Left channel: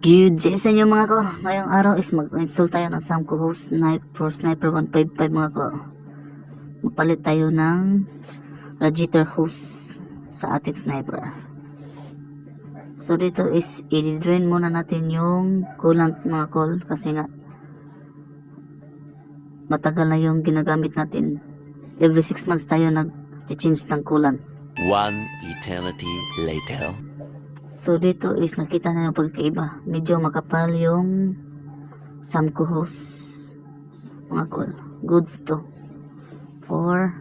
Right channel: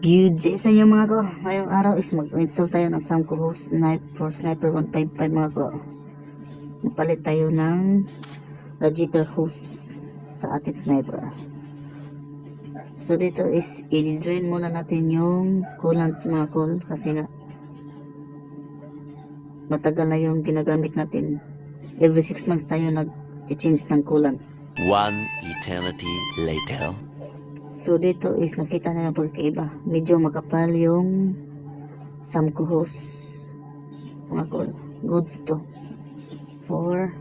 Good day sa inyo mga ko. Ngayong araw is mag-install tayo ng Samco Hose for Sniper 155 mga ko. Mapalit tayo ng radiator hose sa ating sniper. So dito is i-drain muna natin yung coolant mga kol kasi nga matagal na yung ginagamit natin. Every 6 months tayo nag-change ng coolant. One eternity later. So dito is nakita na yung pagkaiba. Medyo makapal yung Samco hose mga kol. Goods to for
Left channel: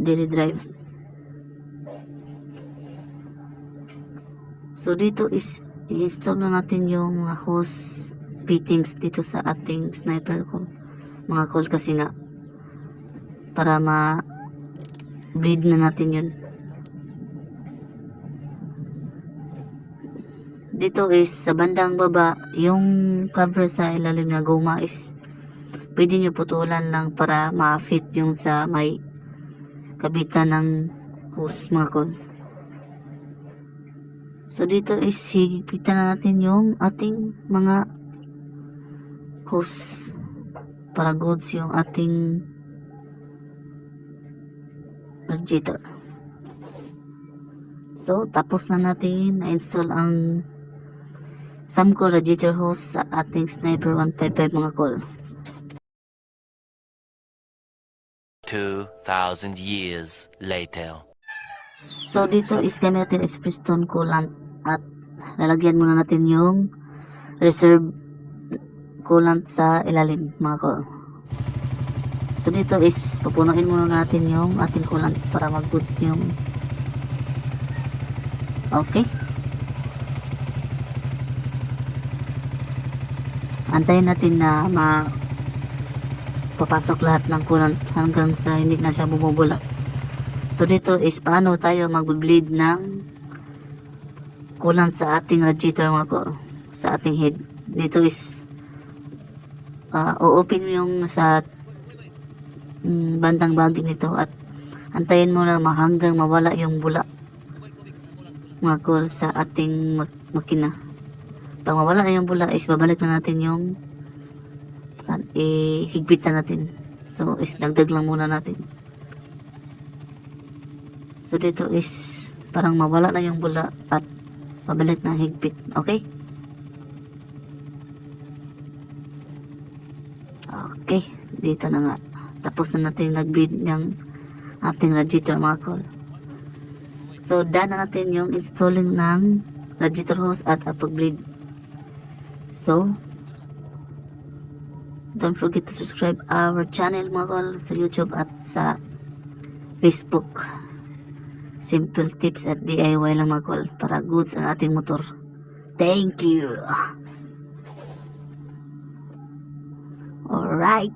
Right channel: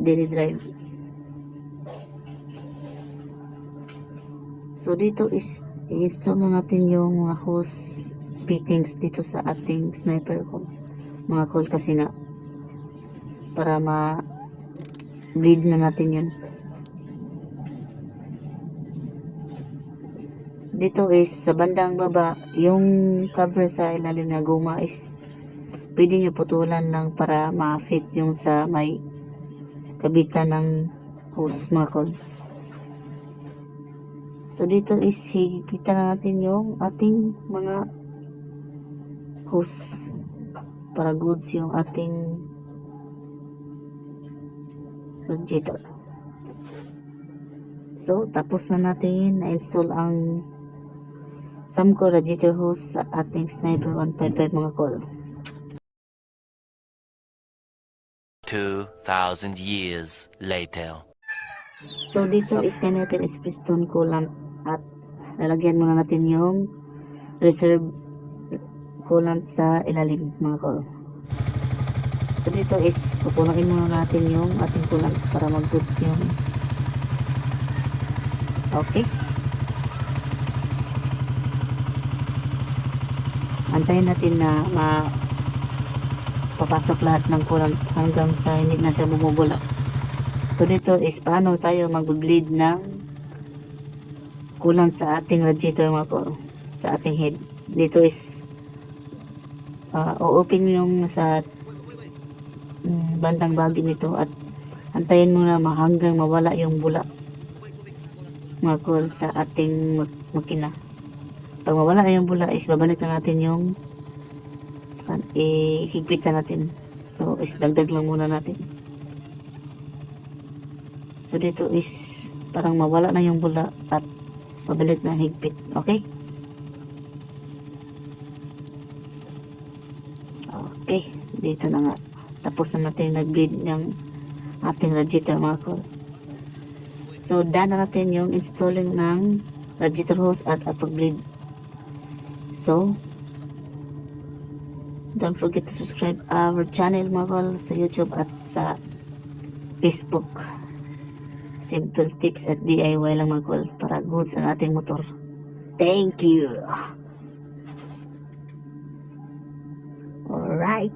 daily drive. So dito is i-install na natin yung mga hose fittings dito sa ating sniper ko mga kol kasi nga para ma-bleed na natin yun. Dito is sa bandang baba, yung cover sa ilalim na goma is pwede nyo putulan lang para ma-fit yung sa may kabitan ng hose mga kol. So dito is higpitan na natin yung ating mga hose para goods yung ating radiator. So tapos na natin na-install ang Samco radiator hose sa ating Sniper 155 mga kol. 2,000 years later. So dito is gamit natin is piston coolant at lalagyan muna natin yung reserve coolant sa ilalim mga kol. So dito is pupunuin muna natin yung ating coolant para mag-goods yung okay. Antayin natin na papasok lahat ng coolant hanggang sa hindi na siya bumubula. So dito is paano tayo mag-bleed ng coolant sa ating radiator mga ko, sa ating head. Dito is o-open yung sa bandang bagi nito at antayin mo na hanggang mawala yung bula mga ko sa ating makina. Pag mawala na yung bula is babalik na natin yung higpit na natin. So is dagdag lang muna natin. So dito is parang mawala na yung bula at pabalik na higpit. Okay? Okay, dito na nga. Tapos na natin nag-bleed ng ating radiator mga kol. So done na natin yung installing ng radiator hose at pag-bleed. So don't forget to subscribe our channel mga kol sa YouTube at sa Facebook. Simple tips at DIY lang mga kol para goods ang ating motor. Thank you. Alright.